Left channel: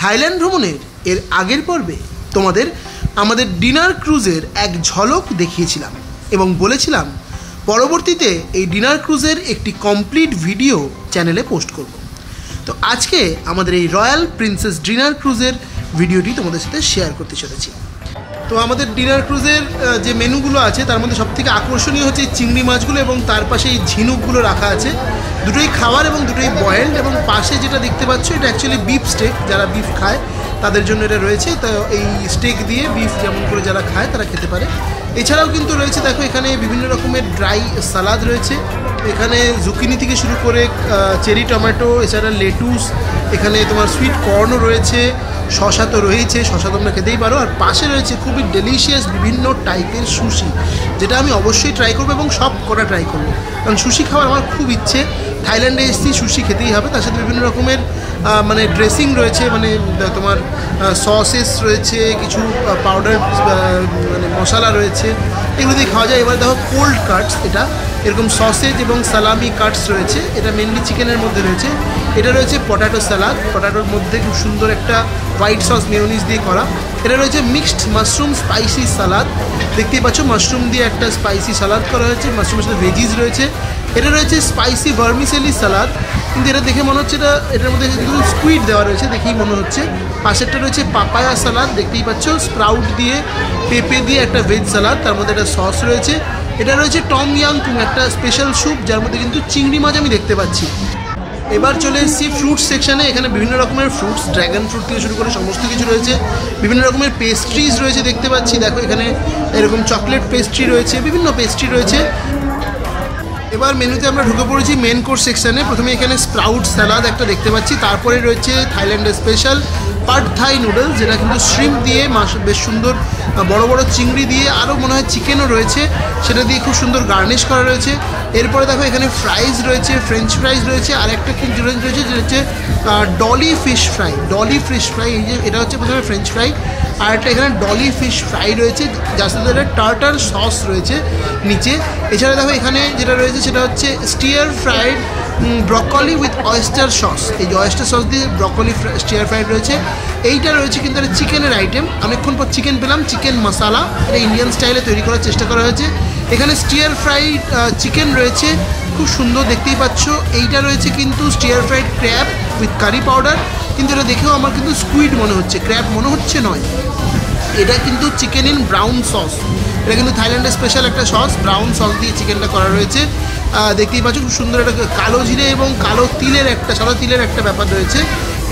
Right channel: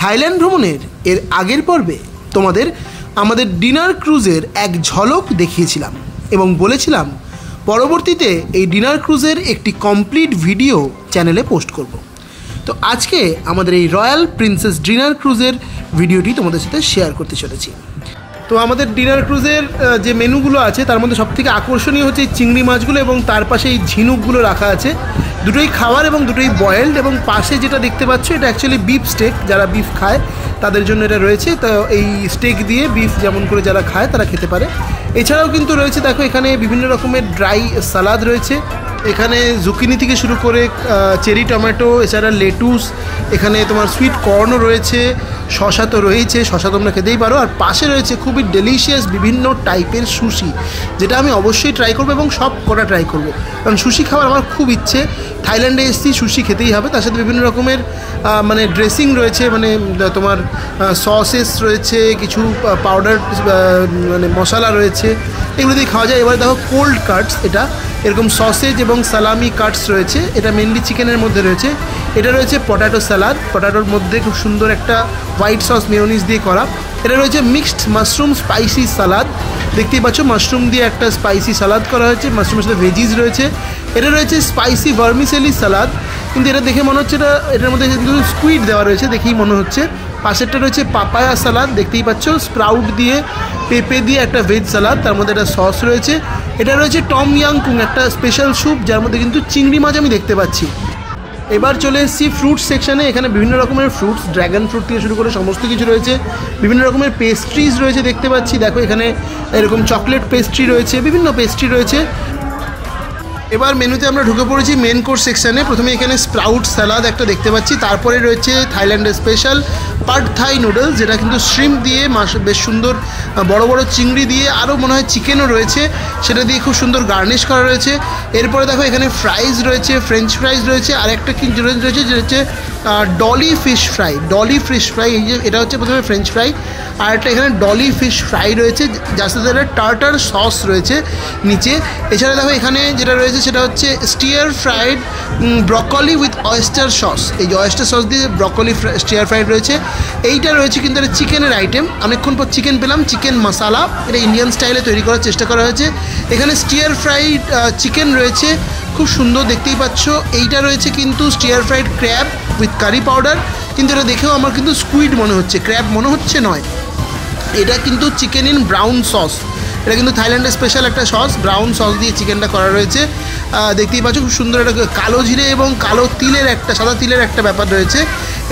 Thailand ভ্রমণের এর আগের পর্বে তোমাদের আমাদের ডিনার ক্রুজের এক ঝলক দেখিয়েছিলাম এবং বলেছিলাম পরবর্তীতে এই ডিনার ক্রুজের একটি কমপ্লিট ভিডিও চ্যানেলে পোস্ট করব। তো আজকে আমাদের এই রয়্যাল প্রিন্সেস ডিনার ক্রুজের ভিডিওটি তোমাদের সাথে শেয়ার করতে চলেছি। তো আমাদের ডিনার ক্রুজের যে মেনুগুলো আছে তার মধ্যে সবথেকে আকর্ষণীয় হচ্ছে এই চিংড়ি মাছগুলো এবং তার পাশে এই ঝিনুকগুলো রাখা আছে। দুটোই খাওয়ার এবং দুটোই বয়েলড, এবং পাশে যেটা দেখতে পাচ্ছ এটা অ্যাকচুয়ালি বিফ স্টেক, যারা বিফ খায় তাদের জন্য এটা রয়েছে। তো এই স্টেক দিয়ে বিফ যেমন করে যারা খায় তারা খেতে পারে। এছাড়াও কিন্তু রয়েছে দেখো এখানে বিভিন্ন রকমের ড্রাই সালাদ রয়েছে, এখানে জুকিনি থেকে শুরু করে চেরি টমেটো, এছাড়া লেটুস, এখানে তোমার সুইট কর্নও রয়েছে, শশা তো রয়েছে, শশা তোমরা খেতেই পারো। আর পাশে রয়েছে খুবই ডেলিশিয়াস বিভিন্ন টাইপের সুশি, যেটা আমি অবশ্যই ট্রাই করবো এবং সব কটা ট্রাই করবো, কারণ সুশি খাওয়ার আমার খুব ইচ্ছে। থাইল্যান্ডে এসেছি, সুশি খেতেই হবে। তার সাথে বিভিন্ন রকমের মানে ড্রেসিং রয়েছে, মানে তোমার সসেস রয়েছে, কিছু পাউডার মানে মশলা রয়েছে, এগুলো দিয়ে খাওয়া যায়। এবার দেখো কোল্ড কাটস, এটা এরকম সসেজ এবং সালামি কাটস রয়েছে, এটা মেনলি চিকেনের মধ্যে রয়েছে। এটা রয়েছে পটাটো স্যালাড, পটাটোর মধ্যে খুব সুন্দর একটা হোয়াইট সস মেয়োনিজ দিয়ে করা। এটা রয়েছে মিক্সড মাশরুম স্পাইসি সালাদ, দেখতেই পাচ্ছ মাশরুম দিয়ে একটা স্পাইসি সালাদ করা হয়েছে, মাশরুমের সাথে ভেজিস রয়েছে। এটা রয়েছে স্পাইসি ভার্মিসেলি সালাদ, কিন্তু এটা দেখে মনে হচ্ছে এটার মধ্যে কিন্তু স্কুইড দেওয়া রয়েছে, দেখেই মনে হচ্ছে। পাশেরটা রয়েছে পাপায়া সালাদ, দেখতেই পাচ্ছ স্প্রাউট দিয়ে পেঁপে দিয়ে একটা ভেজ সালাদ, তার মধ্যে একটা সস রয়েছে। এটা রয়েছে টম ইয়াংকুং, একটা স্পেশাল স্যুপ যার মধ্যে কিন্তু চিংড়ি মাছ আমি দেখতে পাচ্ছি। এবার চলে এসেছি ফ্রুট সেকশানে, এখানে বিভিন্ন রকমের ফ্রুটস, ড্র্যাগন ফ্রুট থেকে শুরু করে সমস্ত কিছু রয়েছে। বিভিন্ন রকমের পেস্ট্রিজ রয়েছে দেখতে পাচ্ছি, দেখো এখানে এরকম চকলেট পেস্ট্রি রয়েছে, বিভিন্ন পেস্ট্রি রয়েছে। এবার মেনুতে আমরা ঢুকে পড়েছি মেন কোর্স সেকশানে। প্রথমে এখানে স্প্রাউট স্যালাদ একটা দেখতে পাচ্ছি, তারপরে রয়েছে থাইল্যান্ডের স্পেশাল পাড থাই নুডলস, যেটা কিন্তু শ্রিম্প দিয়ে বেশ সুন্দর বড় বড় চিংড়ি দিয়ে, আরও মনে হয় চিকেনও রয়েছে, সেটা দিয়ে খুব সুন্দর গার্নিশ করা রয়েছে। এরপরে দেখো এখানে ফ্রাইজ রয়েছে, ফ্রেঞ্চ ফ্রাইজ রয়েছে, আর একটা কি রয়েছে যেটা হচ্ছে Dolly fish fry, Dolly fish fry, এই যে এটা হচ্ছে প্রথমে ফ্রেঞ্চ ফ্রাই, আর একটা এখানে ডলি ফিশ ফ্রাই রয়েছে, যার সাথে একটা টার্টার সস রয়েছে নিচে। এছাড়া দেখো এখানে যেটা রয়েছে সেটা হচ্ছে stair fried broccoli with oyster sauce, এই যে অয়েস্টার সস দিয়ে ব্রকলি স্টিয়ার ফ্রাইড রয়েছে। এইটা রয়েছে কিন্তু একটা চিকেনের আইটেম, অনেকক্ষণ পর চিকেন পেলাম, চিকেন মশালা, এটা ইন্ডিয়ান স্টাইলে তৈরি করার চেষ্টা করা হয়েছে। এখানে স্টিয়ার ফ্রাইড চিকেন রয়েছে, খুব সুন্দর দেখতেই পাচ্ছ। এইটা রয়েছে কিন্তু stir fried crab with curry powder, কিন্তু এটা দেখেও আমার কিন্তু স্কুইড মনে হচ্ছে, ক্র্যাব মনে হচ্ছে নয়। এটা কিন্তু চিকেন ইন ব্রাউন সস, এটা কিন্তু থাইল্যান্ডের স্পেশাল একটা সস, ব্রাউন সস দিয়ে চিকেনটা করা রয়েছে। দেখতেই পাচ্ছ খুব সুন্দর একটা কালো জিরে এবং কালো তিলের একটা, সাদা তিলের একটা ব্যাপার রয়েছে।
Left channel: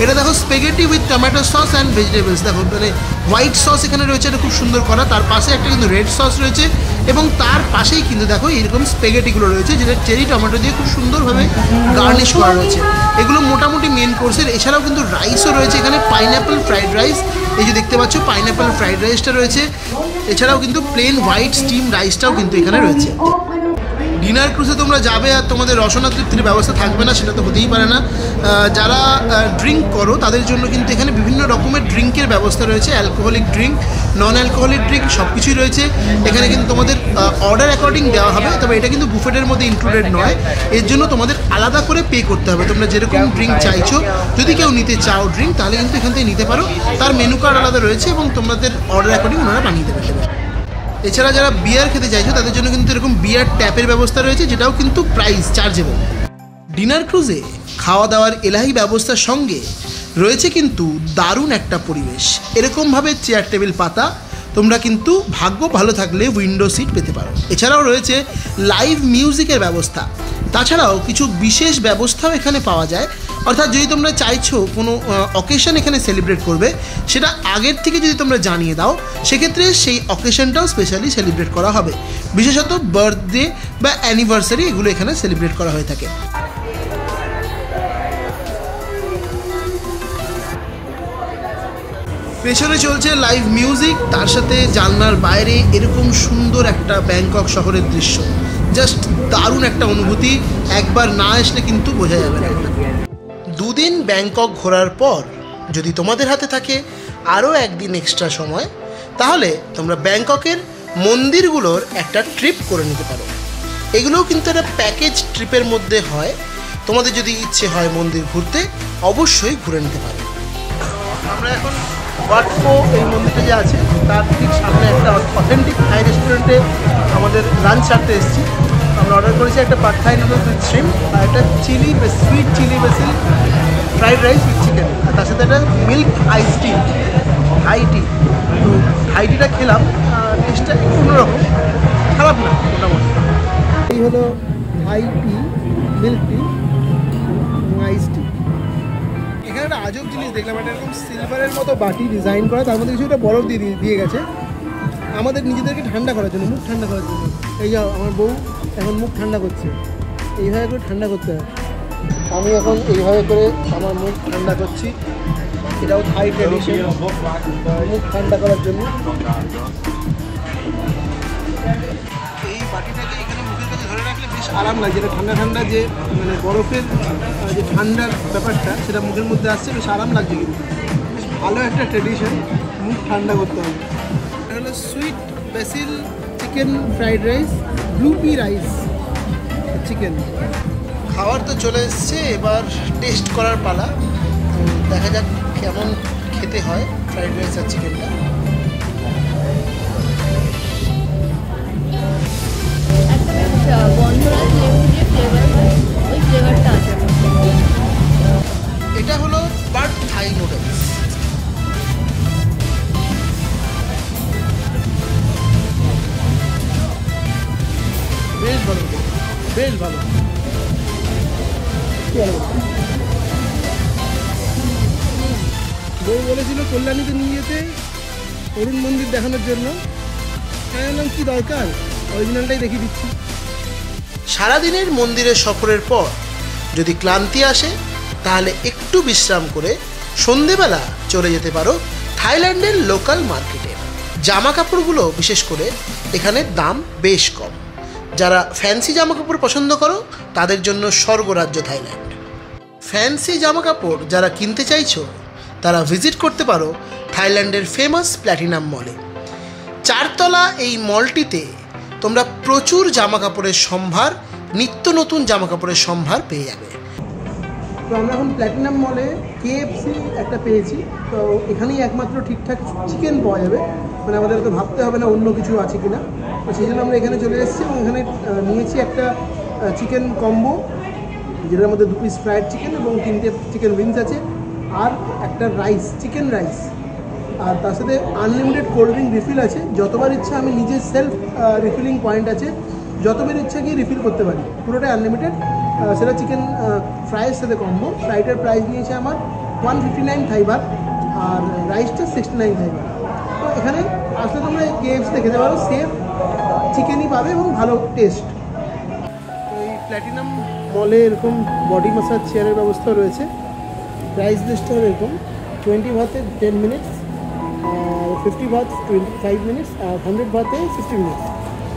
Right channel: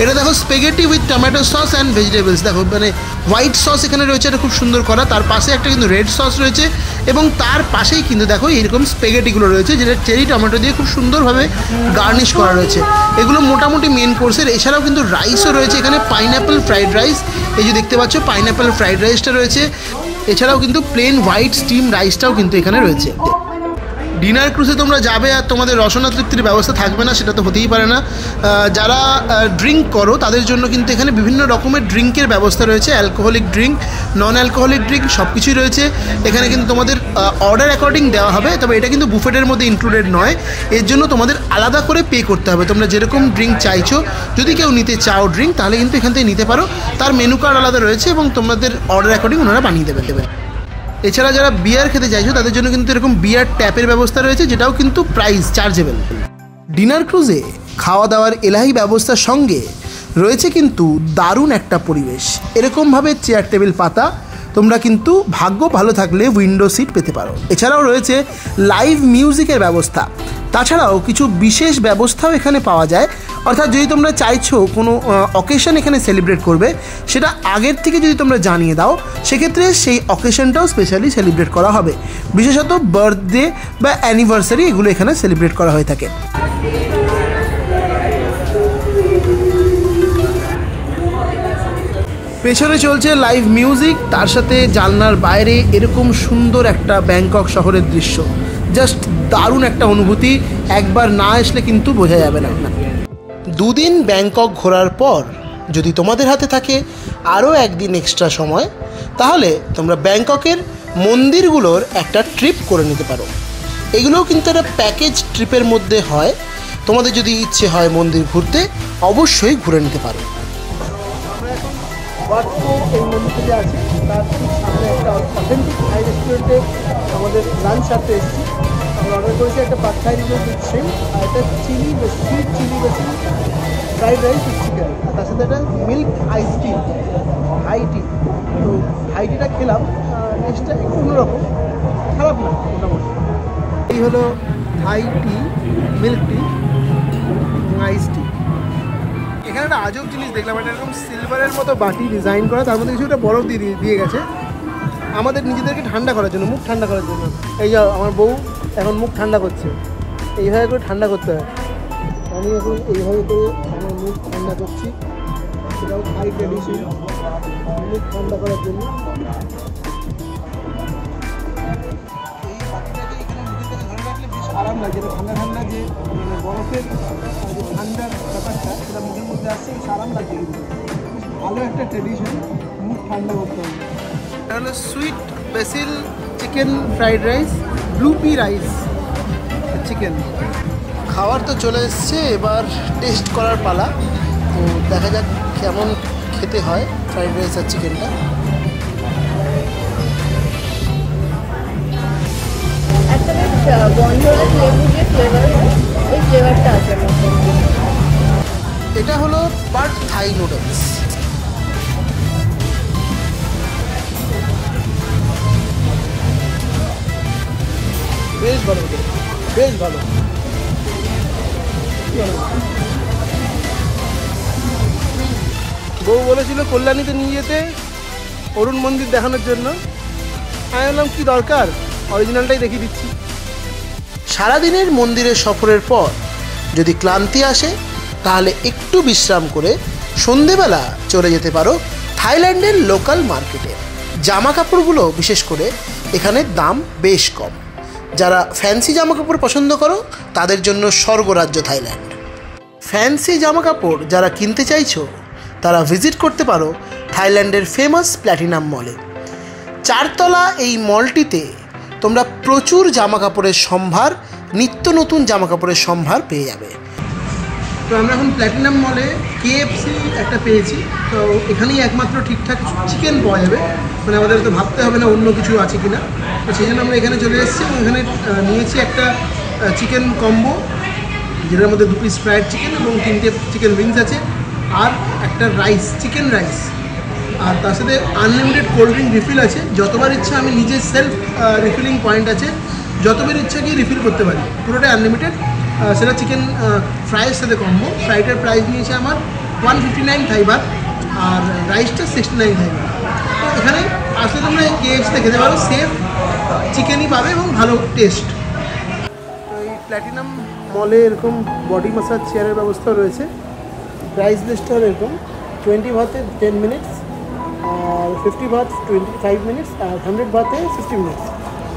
এটা দেখো spaghetti with tomato sauce and vegetables, দেখো মানে হোয়াইট সস এখানে রয়েছে, এটা খুব সুন্দর করা। তার পাশে একটা কিন্তু রেড সস রয়েছে, এবং তার পাশেই কিন্তু দেখো এইরকম স্পেগেটিগুলো রয়েছে, যেটা চেরি টমেটো দিয়ে খুব সুন্দরভাবে গার্নিশ করা রয়েছে। এগুলো মোটামুটি মেন কোর্সের। এছাড়াও কিন্তু রাইসও রয়েছে এখানে, পাইনঅ্যাপল ফ্রাইড রাইস, এই যে দেখতে পাচ্ছ পাইনঅ্যাপল ফ্রাইড রাইসটা রয়েছে। এছাড়াও কিন্তু প্লেন হোয়াইট স্টিম রাইসটাও কিন্তু এখানে রয়েছে। ডিনার ক্রুজে তোমরা যাবে আর তোমাদের রসনা তৃপ্তির ব্যবস্থা থাকবে না, সেটা তো হতেই পারে না। যারা ড্রিঙ্ক করো তাদের জন্য কিন্তু এখানে বিভিন্ন রকমের ড্রিঙ্কের ব্যবস্থা রয়েছে, alcoholic drink, non alcoholic drink সব কিছুই রয়েছে এখানে। কিন্তু তোমাদের অর্ডার অ্যাকর্ডিং দেওয়া হবে, তবে এটা কিন্তু বুফেটের মধ্যে ইনক্লুডেড নয়, এর জন্য তোমাদের আলাদা করে পে করতে হবে। তোমরা যেরকম ড্রিঙ্ক চাইছো, যদি কেউ নিতে চাও ড্রিঙ্ক, তাহলে কিন্তু এখান থেকে নিতে পারো, তার মেনু কার্ড আলাদা রয়েছে এবং তোমাদের অর্ডার অ্যাকর্ডিং ওনারা বানিয়ে দেবে। এছাড়া যারা বিয়ার খেতে চাইছো তাদের জন্য কিন্তু এরকম বিয়ার ট্যাপের ব্যবস্থা রয়েছে, যেটাও কিন্তু প্রাইস চার্জেবল। ডিনার ক্রুজে খাওয়া দাওয়ার এলাহি ব্যবস্থার সঙ্গে রয়েছে কিন্তু দারুণ একটা পরিবেশ। এরকমভাবে চেয়ার টেবিল পাতা, তোমরা কিন্তু ভাগ্য ভালো থাকলে উইন্ডো সিট পেতে পারো। এছাড়াও রয়েছে লাইভ মিউজিকের ব্যবস্থা, তাছাড়াও কিছু বিশেষ ব্যবস্থাও এখানে পাওয়া যায়। অর্থাৎ যদি তোমরা চাইছো কোনো অকেশন এখানে সেলিব্রেট করবে, সেটা আগের থেকে যদি তোমরা জানিয়ে দাও, সেক্ষেত্রে সেই অকেশনটাও স্পেশালি সেলিব্রেট করা হবে। বিশেষত বার্থডে বা অ্যানিভার্সারি এগুলো এখানে সেলিব্রেট করা হয়ে থাকে। পেছনে চলছে লাইভ মিউজিক, তার সাথে জানলার বাইরে এরকম সুন্দর একটা ব্যাংকক শহরের দৃশ্য, জাস্ট দারুণ একটা অনুভূতি, একবার না আসলে কিন্তু বোঝা যাবে না। দুদিন ব্যাংকক ঘোরার পর যদি তোমাদের হাতে থাকে আরও একদিন এক্সট্রা সময়, তাহলে তোমরা ব্যাংককের মন্দিরগুলোর একটা ট্রিপ করে নিতে পারো। এগুলোও কিন্তু একটা প্যাকেজ ট্রিপের মধ্যে হয়, তোমাদের যদি ইচ্ছে হয় মন্দির ঘুরতে, অবশ্যই ঘুরে নিতে পারো। আমরা আমরা এখন ওয়াটকো এই মন্দিরটা যে আছে তার ঠিক সামনে একটা অথেন্টিক থাই রেস্টুরেন্টে আমাদের লাঞ্চ সারতে এসেছি। আমরা অর্ডার করেছি একটা pad Thai noodles with shrimp আর একটা sweet chilli basil fried rice with chicken, আর তার সাথে একটা মিল্ক আইস টি, হাই টি। তো হাই টিটা খেলাম, টেস্টটা একটু অন্যরকম, খারাপ না মোটামুটি। এই হলো হাই টি, মিল্ক টি, আইস টি। এখানে একটা আজব জিনিস দেখলাম, এটা এরকম সিলভারের মতো বাটি ডিজাইন করা, তার মধ্যে কিছু একটা বরফ দিয়ে গেছে আমাদের নিজেদেরকে ঠান্ডা করার জন্য, মুখ ঠান্ডা করার জন্য। এই যে আমার বউ এখন মুখ ঠান্ডা করছে, এইভাবে করে ঠান্ডা করতে হয়। আমি এখন এইভাবে করে আমার মুখ ঠান্ডা করছি, এটাও থাই ট্র্যাডিশন, মুখ ঠান্ডা করার জন্য। এই বাটিটাকে এখানে মুখের কাছে ধরে রাখলে বেশ আরাম লাগে, যেটা ঠান্ডা ঠান্ডা যে মানে বরফের যে ঠান্ডার ব্যাপারটা সেটা মুখের মধ্যে আসছে, বেশ আরাম লাগছে। কিন্তু বেশ ভালো একটা ট্র্যাডিশন, মুখ ঠান্ডা করতে হবে। এটা হলো sweet basil chicken fried rice, blue P rice chicken. খাবার তো চলে এসছে, এবার টেস্ট করার পালা। তো দেখা যাক কেমন খেতে হয় ফ্রাইড রাইস আর চিকেনটা। এটা হলো পাড থাই নুডলস। বেশ ভালো, বেশ ভালো। বউ বলেছিল কল্যাণীতে নিয়ে যেতে অরুণ মন্দির দেখানোর জন্য, আমি বললাম কি দরকার, অরিজিনালটাই দেখিয়ে দিচ্ছি। সারাদিনের মন্দিরের সফরের পর যদি ক্লান্তি আসে তাহলে একটু বিশ্রাম করে সন্ধেবেলা চলে যেতে পারো থাইল্যান্ডের লোকাল মার্কেটে। জামা কাপড়গুলো বিশেষ করে এখানে দাম বেশ কম। যারা ফ্যান্সি জামা কাপড় পছন্দ করো তাদের জন্য স্বর্গরাজ্য থাইল্যান্ড। ফ্যান্সি জামা কাপড় যারা কিনতে চাইছো তারা ভিজিট করতে পারো থাইল্যান্ডের ফেমাস প্ল্যাটিনাম মলে। 4 তলা এই মলটিতে তোমরা প্রচুর জামা কাপড়ের সম্ভার, নিত্য নতুন জামা কাপড়ের সম্ভার পেয়ে যাবে। তো আমরা এখন প্ল্যাটিনাম মলে KFC একটা পেয়েছি, তো এখানেই একমাত্র ঠিকঠাক চিকেন পাওয়া যাবে, মানে আমাদের তো ভাবতে হবে না অন্য কিছু আছে কিনা। তো সেই জন্য আমরা এখানে চলে এসেছি এবং এখানে নিয়েছি একটা চিকেন কম্বো, যেটার মধ্যে 2 পিস ফ্রাইড চিকেন এবং 3টে চিকেন উইংস আছে, আর একটা রাইস, চিকেন রাইস, আর তার সাথে আনলিমিটেড কোল্ড ড্রিঙ্ক রিফিল আছে। যতবার ইচ্ছা, আমি নিজের সেলফ রিফিলিং পয়েন্ট আছে, যতবার ইচ্ছা গিয়ে রিফিল করতে পারি, পুরোটাই আনলিমিটেড। সেটা চিকেন ফ্রাইয়ের সাথে কম্বো। ফ্রাইডের প্রাইস নিয়েছে আমার 159 থাই বাত, আর রাইসটা 69 থাই বাত। তো এখানে আসলে তোমরা KFCতে খেতে পারো, সেফ চিকেনই পাবে এবং ভালো টেস্ট। এই প্ল্যাটিনাম মলে এরকম বডি মাসাজ চেয়ারের ব্যবস্থা রয়েছে। প্রাইস লিস্টটা এরকম 20 বাতে 10 মিনিটস, আর 50 বাত 25 মিনিটস, আর 100 বাতে 60 মিনিটস।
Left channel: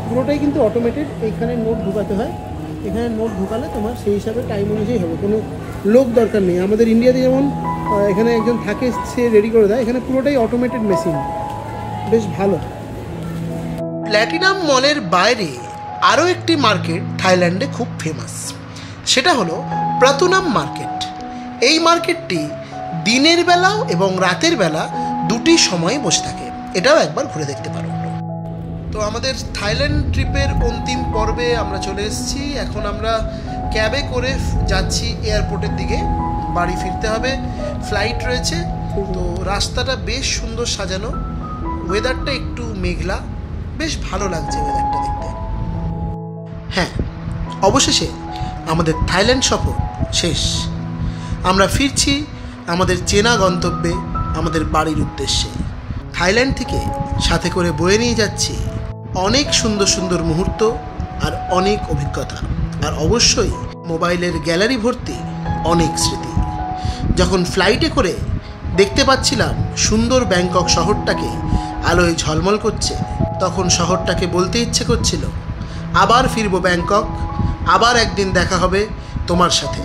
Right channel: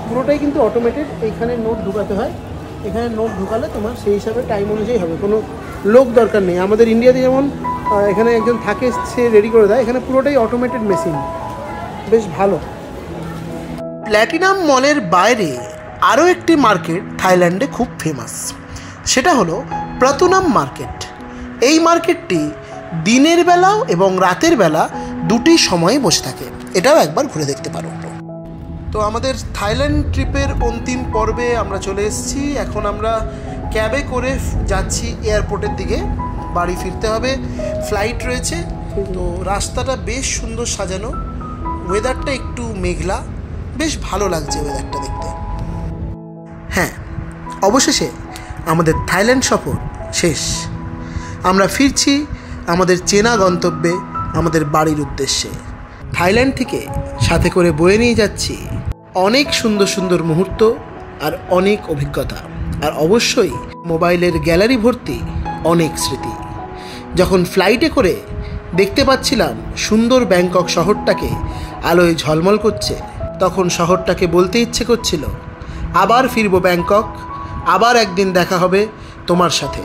পুরোটাই কিন্তু অটোমেটেড। এইখানে নোট ঢুকাতে হয়, এখানে নোট ঢুকালে তোমার সেই হিসাবে টাইম অনুযায়ী হবে, কোনো লোক দরকার নেই। আমাদের ইন্ডিয়াতে যেমন এখানে একজন থাকে, সে রেডি করে দেয়, এখানে পুরোটাই অটোমেটেড মেশিন, বেশ ভালো। প্ল্যাটিনাম মলের বাইরে আরও একটি মার্কেট থাইল্যান্ডে খুব ফেমাস, সেটা হলো প্রাতুনাম মার্কেট। এই মার্কেটটি দিনের বেলাও এবং রাতের বেলা দুটি সময়ে বসে থাকে, এটাও একবার ঘুরে দেখতে পারো। তো আমাদের থাইল্যান্ড ট্রিপের অন্তিম পর্বে আমরা চলে এসেছি। এখন আমরা ক্যাবে করে যাচ্ছি এয়ারপোর্টের দিকে, বাড়ি ফিরতে হবে, ফ্লাইট রয়েছে। তো রাস্তাটা বেশ সুন্দর সাজানো, ওয়েদারটা একটু মেঘলা, বেশ ভালো লাগছে ওয়েদারটা দেখতে। হ্যাঁ, অবশেষে আমাদের থাইল্যান্ড সফর শেষ। আমরা ফিরছি আমাদের চেনা গন্তব্যে, আমাদের বাড়ির উদ্দেশ্যে। থাইল্যান্ড থেকে সাথে করে বয়ে নিয়ে যাচ্ছি অনেক সুন্দর সুন্দর মুহূর্ত আর অনেক অভিজ্ঞতা, আর অবশ্যই মোবাইলের গ্যালারি ভর্তি অনেক স্মৃতি। যখন ফ্লাইটে করে দেখতে পাচ্ছিলাম সুন্দর ব্যাংকক শহরটাকে আলোয় ঝলমল করছে, তখন শহরটাকে বলতে ইচ্ছে করছিল, আবার ফিরবো ব্যাংকক, আবার একদিন দেখা হবে তোমার সাথে।